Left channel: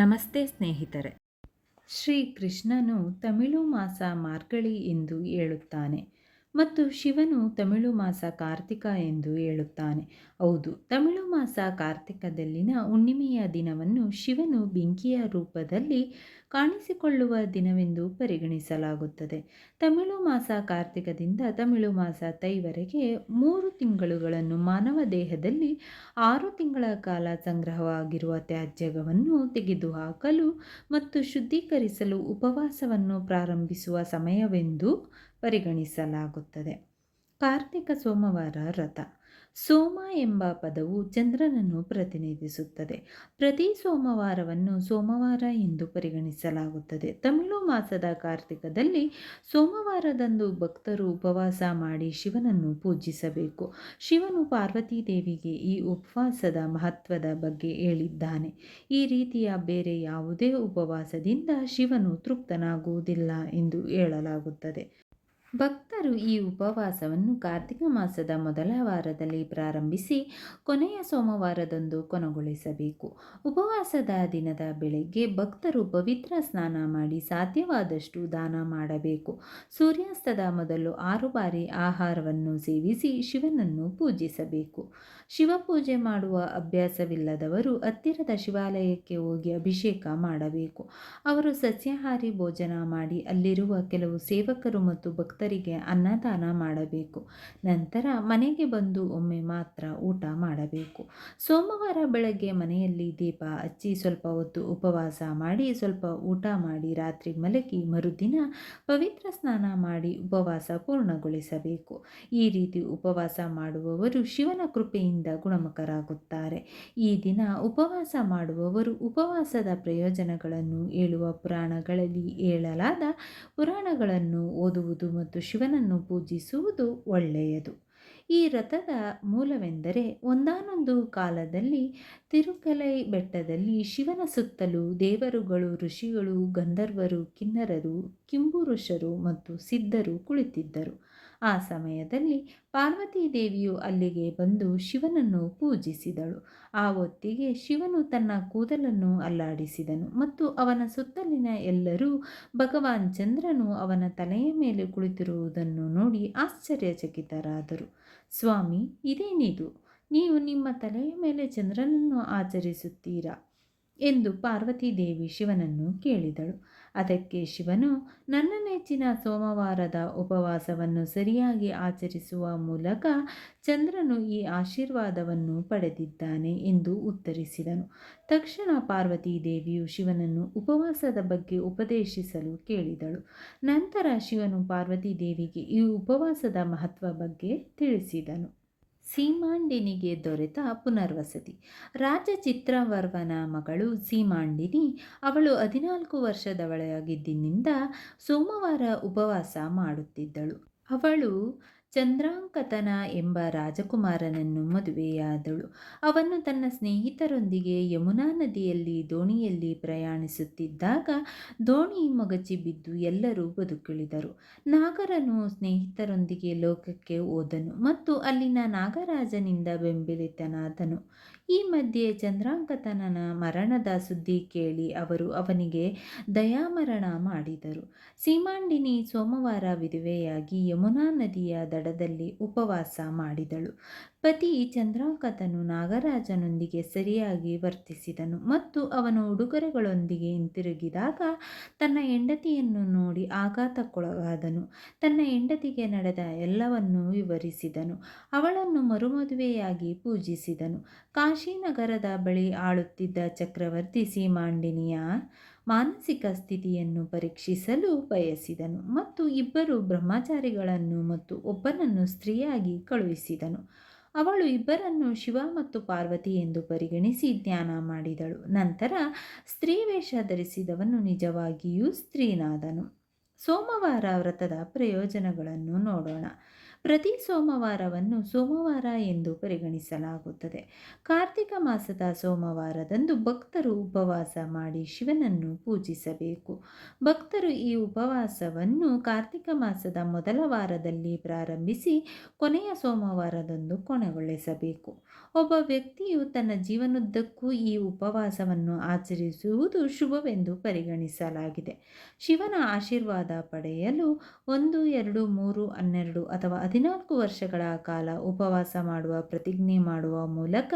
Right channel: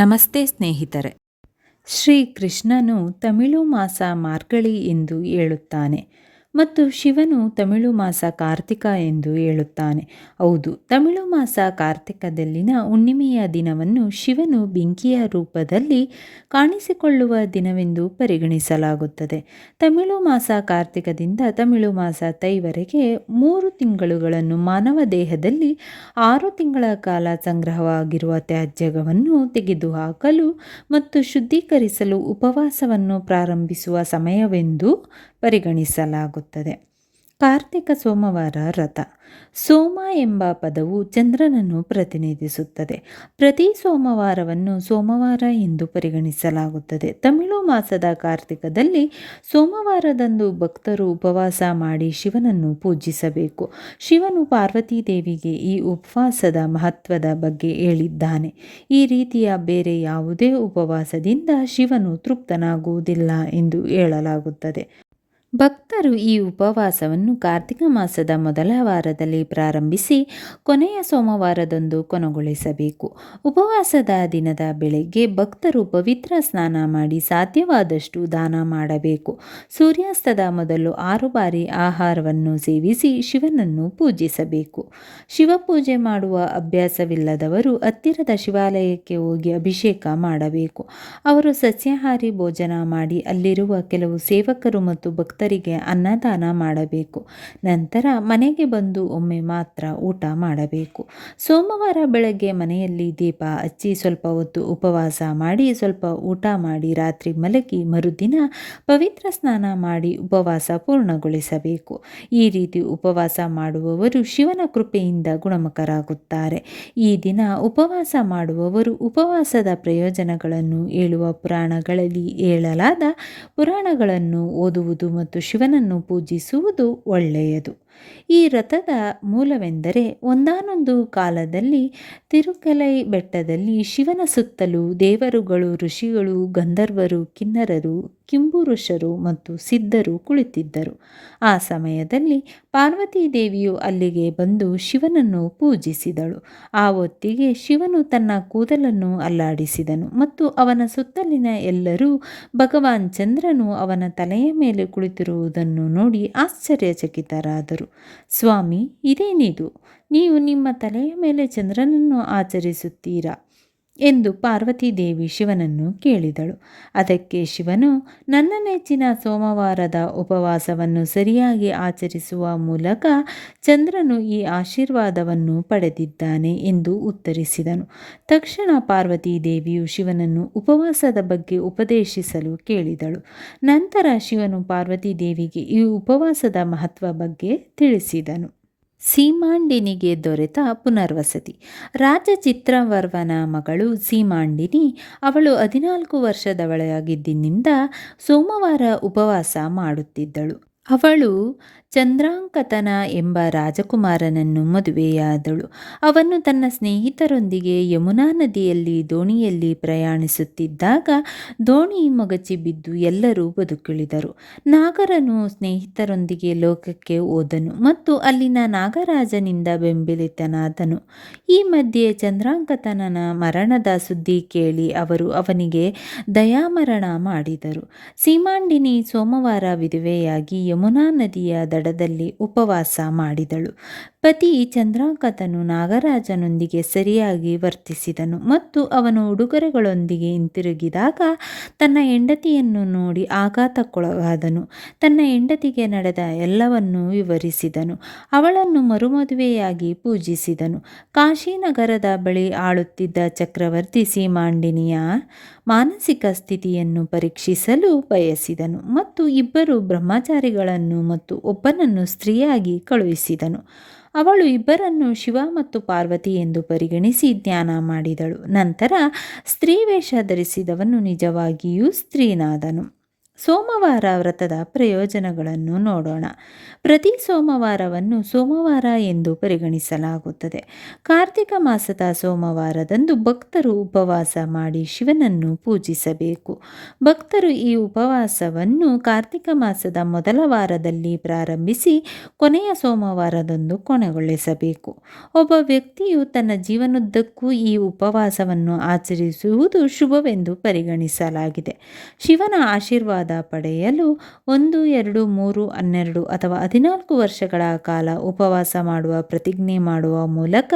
ನಮಸ್ತೆ ಸ್ನೇಹಿತರೆ. ಶ್ರೀ ಕೃಷ್ಣನು ತಮಿಳು ಮಾಸ ಮಾರ್ಗಳಿ ಎಂದು ಹೇಳುತ್ತಾನೆ. ಮತ್ತು ಶಿವನು ತಮಿಳು ಮಾಸ ಕಾರ್ತಿಕ ಎಂದು ಹೇಳುತ್ತಾನೆ. ಹೌದು, ತಮಿಳು ಮಾಸ ಕಾರ್ತಿಕದಲ್ಲಿನ ಹುಣ್ಣಿಮೆಯ ದಿನವನ್ನು ಶಿವನು ಬೆಂಕಿಯ ರೂಪದಲ್ಲಿ ಕಾಣಿಸಿಕೊಳ್ಳುವ ದಿನವೆಂದು ಪರಿಗಣಿಸಲಾಗುತ್ತದೆ. ತಮಿಳು ಮಾಸ ಕಾರ್ತಿಕದಿಂದ ತಮಿಳು ಮಾಸ ತೈವರೆಗೆ ಮೂರು ತಿಂಗಳುಗಳನ್ನು ಮಾನವ ದೇಹದಲ್ಲಿ ಆರು ತಿಂಗಳ ಕಾಲ ಸಂಗ್ರಹವಾಗಿರುವ ತ್ಯಾಜ್ಯವನ್ನು ತೆಗೆದುಹಾಕಲು ಮತ್ತು ಶುದ್ಧೀಕರಿಸಲು ಉಪವಾಸವನ್ನು ಪ್ರಾರಂಭಿಸುವ ಸಮಯವೆಂದು ಪರಿಗಣಿಸಲಾಗುತ್ತದೆ. ಕಾರ್ತಿಕ ಸೋಮವಾರ ರಥ. ಸೋಮ ಎಂಬ ಪದವು ಚಂದ್ರನನ್ನು ಪ್ರತಿನಿಧಿಸುತ್ತದೆ. ಪ್ರತಿ ಸೋಮವಾರವನ್ನು ಸೋಮವಾರ ಎಂದು ಪರಿಗಣಿಸಲಾಗುತ್ತದೆ. ತಮಿಳು ಮಾಸದ ಕಾರ್ತಿಕದಲ್ಲಿ ಸೋಮವಾರದಂದು ಭಕ್ತರು ಉಪವಾಸ ಮಾಡಿ ಶಿವನನ್ನು ಪೂಜಿಸಬೇಕು. ಶಿವನು ಪಾರ್ವತಿ ದೇವಿಗೆ ಈ ಉಪವಾಸದ ಮಹತ್ವದ ಬಗ್ಗೆ ಹೇಳಿದ್ದಾನೆ. ಈ ರೀತಿಯ ಬೇರೆ ಯಾವುದೇ ಉಪವಾಸದಿಂದ ಶಿವನು ತೃಪ್ತನಾಗುವುದಿಲ್ಲ ಎಂದು ಹೇಳಲಾಗುತ್ತದೆ. ಭಕ್ತರು ಈ ಉಪವಾಸವನ್ನು ಕಾರ್ತಿಕ ಮಾಸದ ಮೊದಲ ವಾರದಲ್ಲಿ ಪ್ರಾರಂಭಿಸಿ ಕೊನೆಯ ಸೋಮವಾರದಂದು ಕೊನೆಗೊಳಿಸಬೇಕು. ಉಪವಾಸದ ದಿನದ ಬೆಳಗ್ಗೆ ಭಕ್ತರು ಪವಿತ್ರ ಸ್ನಾನ ಮಾಡಿ ಸಾಧ್ಯವಾದಷ್ಟು ದಾನ ಮಾಡಬೇಕು. ಸೂರ್ಯಾಸ್ತದ ಮೊದಲು ಆರು ಬಾರಿ ಆಹಾರವನ್ನು ಸೇವಿಸಿ ಶಿವನನ್ನು ಪೂಜಿಸಬೇಕು. ಶಿವಪೂಜೆ ಮಾಡುವ ಅಭ್ಯಾಸವಿಲ್ಲದವರು ಹತ್ತಿರದ ಶಿವಾಲಯಕ್ಕೆ ಹೋಗಿ ಅಭಿಷೇಕ ಮಾಡಬೇಕು. ಅವರು ಸಸ್ಯಾಹಾರಿ ಭೋಜನ ಮಾಡಿ ಅಲ್ಲಿರುವ ಕೆಲವು ಸೇವಕರು ಮತ್ತು ಭಕ್ತ ಭಕ್ತರಿಗೆ ಅನ್ನದಾನ ಮಾಡಬೇಕು. ನಂತರ ಮನೆಗೆ ಬಂದು ಒಮ್ಮೆ ಮಾತ್ರ ಊಟ ಮಾಡಬೇಕು. ಸೋಮವಾರ ಬೆಳಗ್ಗೆ ಮನೆಯಲ್ಲಿ ದೀಪ ಹಚ್ಚಿ ಸ್ವಲ್ಪ ಹೊತ್ತು ಉಪವಾಸ ಮಾಡಿ ಸ್ವಲ್ಪ ಊಟ ಮಾಡಿ ರಾತ್ರಿ ಮಲಗಿ ಮರುದಿನ ಪವಿತ್ರ ಸ್ನಾನ ಮಾಡಿ ಉಪವಾಸ ಪೂರ್ಣಗೊಳಿಸಬೇಕು. ಈ ರೀತಿ ಉಪವಾಸ ಮಾಡುವವರು ಶಿವನ ಕೃಪೆಯಿಂದ ಗುಣಮುಖರಾಗುತ್ತಾರೆ. ಈ ದಿನ ಉಪವಾಸ ಮಾಡುವವರು ಉಪವಾಸದ ಪ್ರಯೋಜನಗಳನ್ನು ಹೇಳುವ ಪುರಾಣಗಳಲ್ಲಿ ಹೇಳಲಾದ ಪುರಾಣಗಳನ್ನು ಓದುವುದು ಮತ್ತು ಮತ್ತು ಶಿವನನ್ನು ಪೂಜಿಸುವುದು ಒಳ್ಳೆಯದು. ಈ ರಥದ ಮೂಲವೆಂದರೆ ಒಂದಾನೊಂದು ಕಾಲದಲ್ಲಿ ತಿರುಕಲೈ ಬೆಟ್ಟದಲ್ಲಿ ಶಿವನ ಸುತ್ತಲೂ ದೇವರುಗಳು, ಋಷಿಗಳು, ಗಂಧರ್ವರು, ಕಿನ್ನರರು ಕಿಂಬುರುಷರು ಮತ್ತು ಸಿದ್ಧರು ಕುಳಿತಿದ್ದರು. ಆ ಸಮಯದಲ್ಲಿ ಪಾರ್ವತೀ ದೇವಿಯು ಅಲ್ಲಿಗೆ ಬಂದು ಶಿವನನ್ನು ಪೂಜಿಸಿದಳು. ಆ ಹೊತ್ತಿಗೆ ಶಿವನು ತನ್ನ ಕೂದಲನ್ನು ಅಲ್ಲಾಡಿಸಿದನು ಮತ್ತು ಅವನ ಸುತ್ತಲಿನ ಎಲ್ಲರೂ ಭಗವಾನ್ ಚಂದ್ರನು ಅವನ ತಲೆಯ ಮೇಲೆ ಕುಳಿತಿರುವುದನ್ನು ನೋಡಿ ಆಶ್ಚರ್ಯಚಕಿತರಾದರು. ಸ್ವಾಮಿ, ಇದೇನಿದು? ನೀವು ನಿಮ್ಮ ತಲೆಯ ಮೇಲೆ ಚಂದ್ರನನ್ನು ಆಚರಿಸುತ್ತೀರಾ? ಎಂದು ಪಾರ್ವತಿ ದೇವಿ ಶಿವನನ್ನು ಕೇಳಿದಳು. ಅದಕ್ಕೆ ಶಿವನು, ನನ್ನ ನೆಚ್ಚಿನ ಸೋಮವಾರದ ಉಪವಾಸವನ್ನು ಸರಿಯಾಗಿ ಆಚರಿಸುವ ಮೂಲಕ ಚಂದ್ರನು ಈ ಆಶೀರ್ವಾದವನ್ನು ಪಡೆದಿದ್ದಾನೆ ಎಂದು ಉತ್ತರಿಸಿದನು. ತಕ್ಷಣ ಪಾರ್ವತಿ ದೇವಿಯು ಶಿವನನ್ನು ಉಪವಾಸದ ಬಗ್ಗೆ ಉಪದೇಶಿಸಲು ಕೇಳಿದಳು. ನಂತರ ಶಿವನು ಪಾರ್ವತಿ ದೇವಿಗೆ ಈ ಉಪವಾಸದ ಮಹತ್ವ ಬಗ್ಗೆ ತಿಳಿಸಿದನು. ಸೀಮಾಂಡಿನಿಗೆ ದೊರೆತ ಪುನರ್ವಸತಿ. ರಾಜ ಚಿತ್ರವರ್ವನ ಮಗಳು ಸೀಮಾಂಡಿನಿ ಅವಳು ಹದಿನಾಲ್ಕು ವರ್ಷದವಳಾಗಿದ್ದಿನಿಂದ ಸೋಮವಾರ ಉಪವಾಸ ಮಾಡುತ್ತಿದ್ದಳು. ಅವಳು ಚಂದ್ರಾಂಕತನ ಎಂಬ ರಾಜಕುಮಾರನನ್ನು ಮದುವೆಯಾದಳು. ಅವನು ತನ್ನ ಸ್ನೇಹಿತರೊಂದಿಗೆ ಯಮುನಾ ನದಿಯಲ್ಲಿ ದೋಣಿಯಲ್ಲಿ ಪ್ರಯಾಣಿಸುತ್ತಿದ್ದಾಗ ದೋಣಿ ಮೊಗಚಿ ಬಿದ್ದು ಎಲ್ಲರೂ ಬದುಕುಳಿದರು. ನಾಗರನು ಸ್ನೇಹಿತರೊಂದಿಗೆ ಲೋಕಕ್ಕೆ ಹೋದನು ಮತ್ತು ಅಲ್ಲಿನ ನಾಗರಾಜನಿಂದ ಬೆಂಬಲಿತನಾದನು. ಈ ಮಧ್ಯೆ ಚಂದ್ರಾಂಕತನನ ಮರಣದ ಸುದ್ದಿ ಕೇಳಿ ಅವರು ಅವನಿಗೆ ದಯಾಮರಣ ಮಾಡಿದರು. ಸೀಮಾಂಡಿನಿ ಸೋಮವಾರ ವಿಧವೆಯಾಗಿ ಯಮುನಾ ನದಿಯ ದಡದಲ್ಲಿ ಉಪವಾಸ ಮಾಡಿದಳು. ಪತಿ ಚಂದ್ರಾಂಕತನು ನಾಗರಾಜನೊಂದಿಗೆ ಸರಿಯಾಗಿ ವರ್ತಿಸಿದನು ಮತ್ತು ಅವನು ಉಡುಗೊರೆಗಳೊಂದಿಗೆ ಹಿಂತಿರುಗಿದಾಗ ತನ್ನ ಹೆಂಡತಿಯನ್ನು ನೋಡಿ ಆಘಾತಕ್ಕೊಳಗಾದನು. ತನ್ನ ಹೆಂಡತಿಗೆ ನಡೆದ ಎಲ್ಲವನ್ನೂ ವಿವರಿಸಿದನು. ಅವಳನ್ನು ಮರುಮದುವೆಯಾಗಿ ಪೂಜಿಸಿದನು. ಕಾಶಿನಗರದ ಬಳಿ ಆಳುತ್ತಿದ್ದ ಚಕ್ರವರ್ತಿ ಸೀಮಾಂಡಿನಿಯ ಮಾನಸಿಕ ಸ್ಥಿತಿಯನ್ನು ಪರೀಕ್ಷಿಸಲು ಬಯಸಿದನು ಮತ್ತು ಇಬ್ಬರು ಬ್ರಹ್ಮಚಾರಿಗಳನ್ನು ಮತ್ತು ಒಬ್ಬನನ್ನು ಸ್ತ್ರೀಯಾಗಿ ಕಳುಹಿಸಿದನು. ಅವಳು ಇಬ್ಬರನ್ನು ಶಿವ ಮತ್ತು ಪಾರ್ವತಿ ಎಂದು ಪರಿಗಣಿಸಿ ಧ್ಯಾನ ಮಾಡಿದಳು. ನಂತರ ಸ್ತ್ರೀ ವೇಷ ಧರಿಸಿದವನು ನಿಜವಾಗಿಯೂ ಸ್ತ್ರೀನಾದನು. ಸೋಮವಾರ ವ್ರತದ ಪ್ರಯೋಜನಗಳನ್ನು ನೋಡೋಣ. ಪ್ರತಿ ಸೋಮವಾರವನ್ನು ಸೋಮವಾರ ಎಂದು ಪರಿಗಣಿಸಲಾಗುತ್ತದೆ. ಕಾರ್ತಿಕ ಮಾಸದ ಸೋಮವಾರದಂದು ಭಕ್ತರು ಉಪವಾಸ ಮಾಡಿ ಶಿವನನ್ನು ಪೂಜಿಸಬೇಕು. ಭಕ್ತರು ಈ ಉಪವಾಸವನ್ನು ಕಾರ್ತಿಕ ಮಾಸದ ಮೊದಲ ವಾರದಲ್ಲಿ ಪ್ರಾರಂಭಿಸಿ ಕೊನೆಯ ಸೋಮವಾರದಂದು ಕೊನೆಗೊಳಿಸಬೇಕು. ಒಬ್ಬ ವ್ಯಕ್ತಿಯು ತನ್ನ ಜೀವನದ್ದಕ್ಕೂ ಈ ಉಪವಾಸವನ್ನು ಆಚರಿಸುವುದು ಶುಭವೆಂದು ಪರಿಗಣಿಸಲಾಗಿದೆ. ಶಿವನ ಆಶೀರ್ವಾದ ಪಡೆಯಲು ಒಂದು, ಎರಡು, ಮೂರು, ಹನ್ನೆರಡು ಅಥವಾ ಹದಿನಾಲ್ಕು ವರ್ಷಗಳ ಕಾಲ ಉಪವಾಸ ಮಾಡುವ, ಪ್ರತಿಜ್ಞೆ ಮಾಡುವ ಮೂಲಕ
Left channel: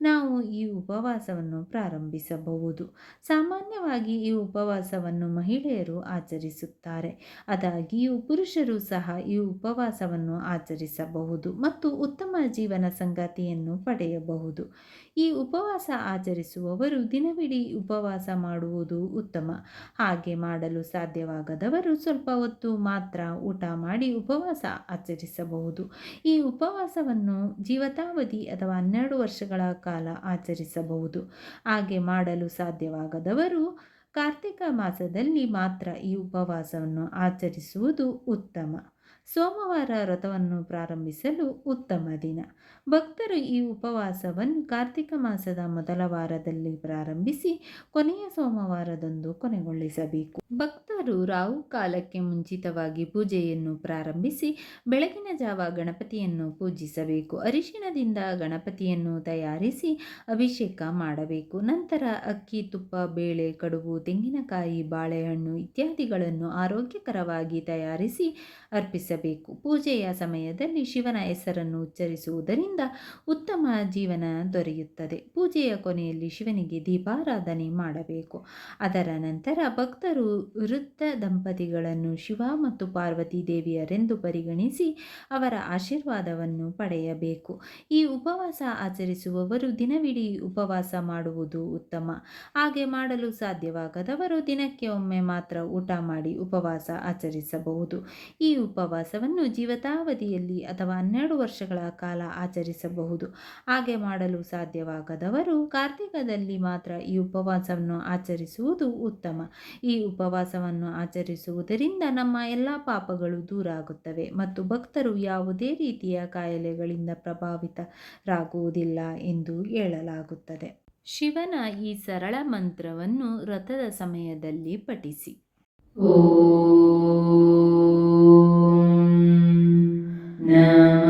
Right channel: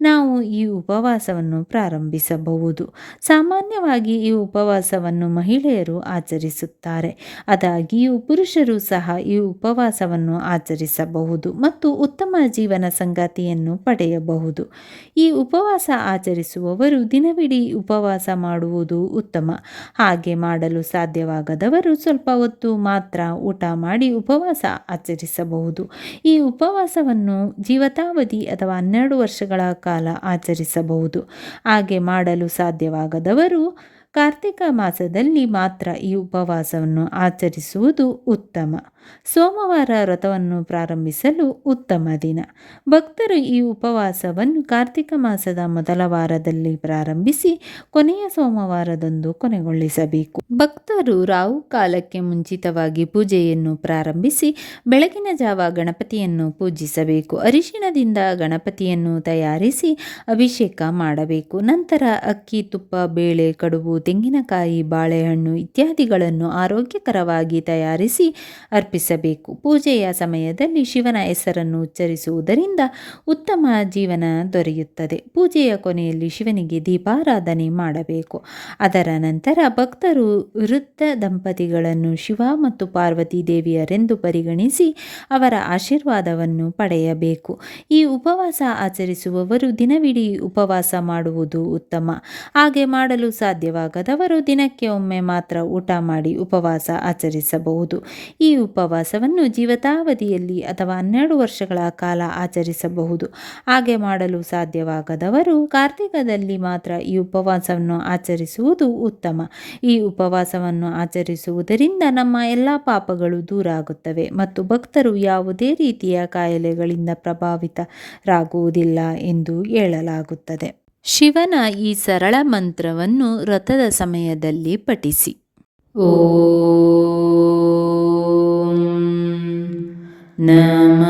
ನಾವು ಈ ಉಪವಾಸವನ್ನು ಪ್ರಾರಂಭಿಸಬಹುದು. ಸಾಮಾನ್ಯವಾಗಿ ಈ ಉಪವಾಸವನ್ನು ಮಹಿಳೆಯರು ಆಚರಿಸುತ್ತಾರೆ. ಆದಾಗಿಯೂ ಪುರುಷರು ಸಹ ಈ ಉಪವಾಸವನ್ನು ಆಚರಿಸಬಹುದು ಮತ್ತು ಉತ್ತಮ ಜೀವನ ಸಂಗಾತಿಯನ್ನು ಪಡೆಯಬಹುದು. ಈ ಉಪವಾಸ ಆಚರಿಸುವವರು ದಿನವಿಡೀ ಉಪವಾಸ ಮಾಡುವುದು ಉತ್ತಮ. ಹಾಗೆ ಮಾಡಲು ಸಾಧ್ಯವಾಗದವರು ಸ್ವಲ್ಪ ಹೊತ್ತು ಮಾತ್ರ ಊಟ ಮಾಡಿ ಉಪವಾಸ ಆಚರಿಸಬಹುದು. ಈ ಉಪವಾಸವನ್ನು ಜೀವತಾವಧಿ ಅಥವಾ ಹನ್ನೆರಡು ವರ್ಷಗಳ ಕಾಲ ಆಚರಿಸಬಹುದು. ಹಾಗೆ ಮಾಡಲು ಸಾಧ್ಯವಾಗದವರು ಕಾರ್ತಿಕ ಮಾಸದಲ್ಲಿ ಮಾತ್ರ ಈ ಉಪವಾಸವನ್ನು ಆಚರಿಸುವುದು ಉತ್ತಮ. ಸೋಮವಾರ ವ್ರತವನ್ನು ಪ್ರಾರಂಭಿಸಲು ಉತ್ತಮ ದಿನ. ಭಕ್ತರು ಈ ಉಪವಾಸವನ್ನು ಕಾರ್ತಿಕ ಮಾಸದ ಮೊದಲ ವಾರದಲ್ಲಿ ಪ್ರಾರಂಭಿಸಿ ಕೊನೆಯ ಸೋಮವಾರದಂದು ಕೊನೆಗೊಳಿಸಬೇಕು. ಭಕ್ತರು ರಾವು ಕಾಲಕ್ಕೆ ಮುಂಚಿತವಾಗಿ ಪೂಜೆಯನ್ನು ಪ್ರಾರಂಭಿಸಿ ಬೆಳಗಿನ ಜಾವ ಗಣಪತಿಯನ್ನು ಪೂಜಿಸಬೇಕು. ಅರಿಶಿಣದಿಂದ ಗಣಪತಿಯನ್ನು ತಯಾರಿಸಿ ಅಭಿಷೇಕ ಮಾಡಬೇಕು. ನಂತರ ಅಕ್ಕಿ, ತುಪ್ಪ, ಬೇಳೆ, ಕಡುಬು, ತೆಂಗಿನಕಾಯಿ, ಬಾಳೆಹಣ್ಣು ಇತ್ಯಾದಿಗಳನ್ನು ಆರೋಗ್ಯಕರವಾಗಿ ತಯಾರಿಸಿ ಅರ್ಪಿಸಬೇಕು. ಪೂಜೆಯ ಸಮಯದಲ್ಲಿ ಶಿವನ ಹೆಸರನ್ನು ಉಚ್ಚರಿಸುವುದರಿಂದ ಉತ್ತಮ ಜೀವನ ದೊರೆಯುತ್ತದೆ. ಪೂಜೆಯ ಕೊನೆಯಲ್ಲಿ ಶಿವನಿಗೆ ದೀಪಾರಾಧನೆ ಮಾಡಬೇಕು. ಅದರ ನಂತರ ಭಕ್ತರು ವೃದ್ಧ ದಂಪತಿಗಳನ್ನು ಶಿವ ಮತ್ತು ಪಾರ್ವತಿ ದೇವಿಯರೆಂದು ಪರಿಗಣಿಸಿ ಅವರ ಆಶೀರ್ವಾದವನ್ನು ಪಡೆಯಬೇಕು. ಈ ಉಪವಾಸ ಆಚರಿಸುವವರು ದಿನವಿಡೀ ಉಪವಾಸ ಮಾಡುವುದು ಉತ್ತಮ. ಹಾಗೆ ಮಾಡಲು ಸಾಧ್ಯವಾಗದವರು ದಿನಕ್ಕೆ ಒಮ್ಮೆ ಮಾತ್ರ ಊಟ ಮಾಡಿ ಉಪವಾಸ ಆಚರಿಸಬಹುದು. ಈ ಉಪವಾಸವನ್ನು ಜೀವತಾವಧಿಯಲ್ಲಿ ಅಥವಾ ಹನ್ನೆರಡು ವರ್ಷಗಳ ಕಾಲ ಆಚರಿಸಬಹುದು. ಹಾಗೆ ಮಾಡಲು ಸಾಧ್ಯವಾಗದವರು ಕಾರ್ತಿಕದಲ್ಲಿ ಮಾತ್ರ ಈ ಉಪವಾಸವನ್ನು ಆಚರಿಸುವುದು ಉತ್ತಮ. ಈ ಉಪವಾಸವನ್ನು ಆಚರಿಸುವುದರಿಂದ ನಮ್ಮ ಎಲ್ಲ ಪಾಪಗಳು ದೂರ ಆಗುತ್ತವೆ ಮತ್ತು ಭಕ್ತರು ಯಾವುದೇ ರೀತಿಯ ಕಾಯಿಲೆಗಳಿಂದ ಪ್ರಭಾವಿತರಾಗುವುದಿಲ್ಲ ಎಂದು ಹೇಳಲಾಗುತ್ತದೆ. ಶಿವನ ಈ ಸರಳ ಮಂತ್ರವನ್ನು ವ್ರತದ ಸಮಯದಲ್ಲಿ ಪಠಿಸಿ. ಓಂ Namah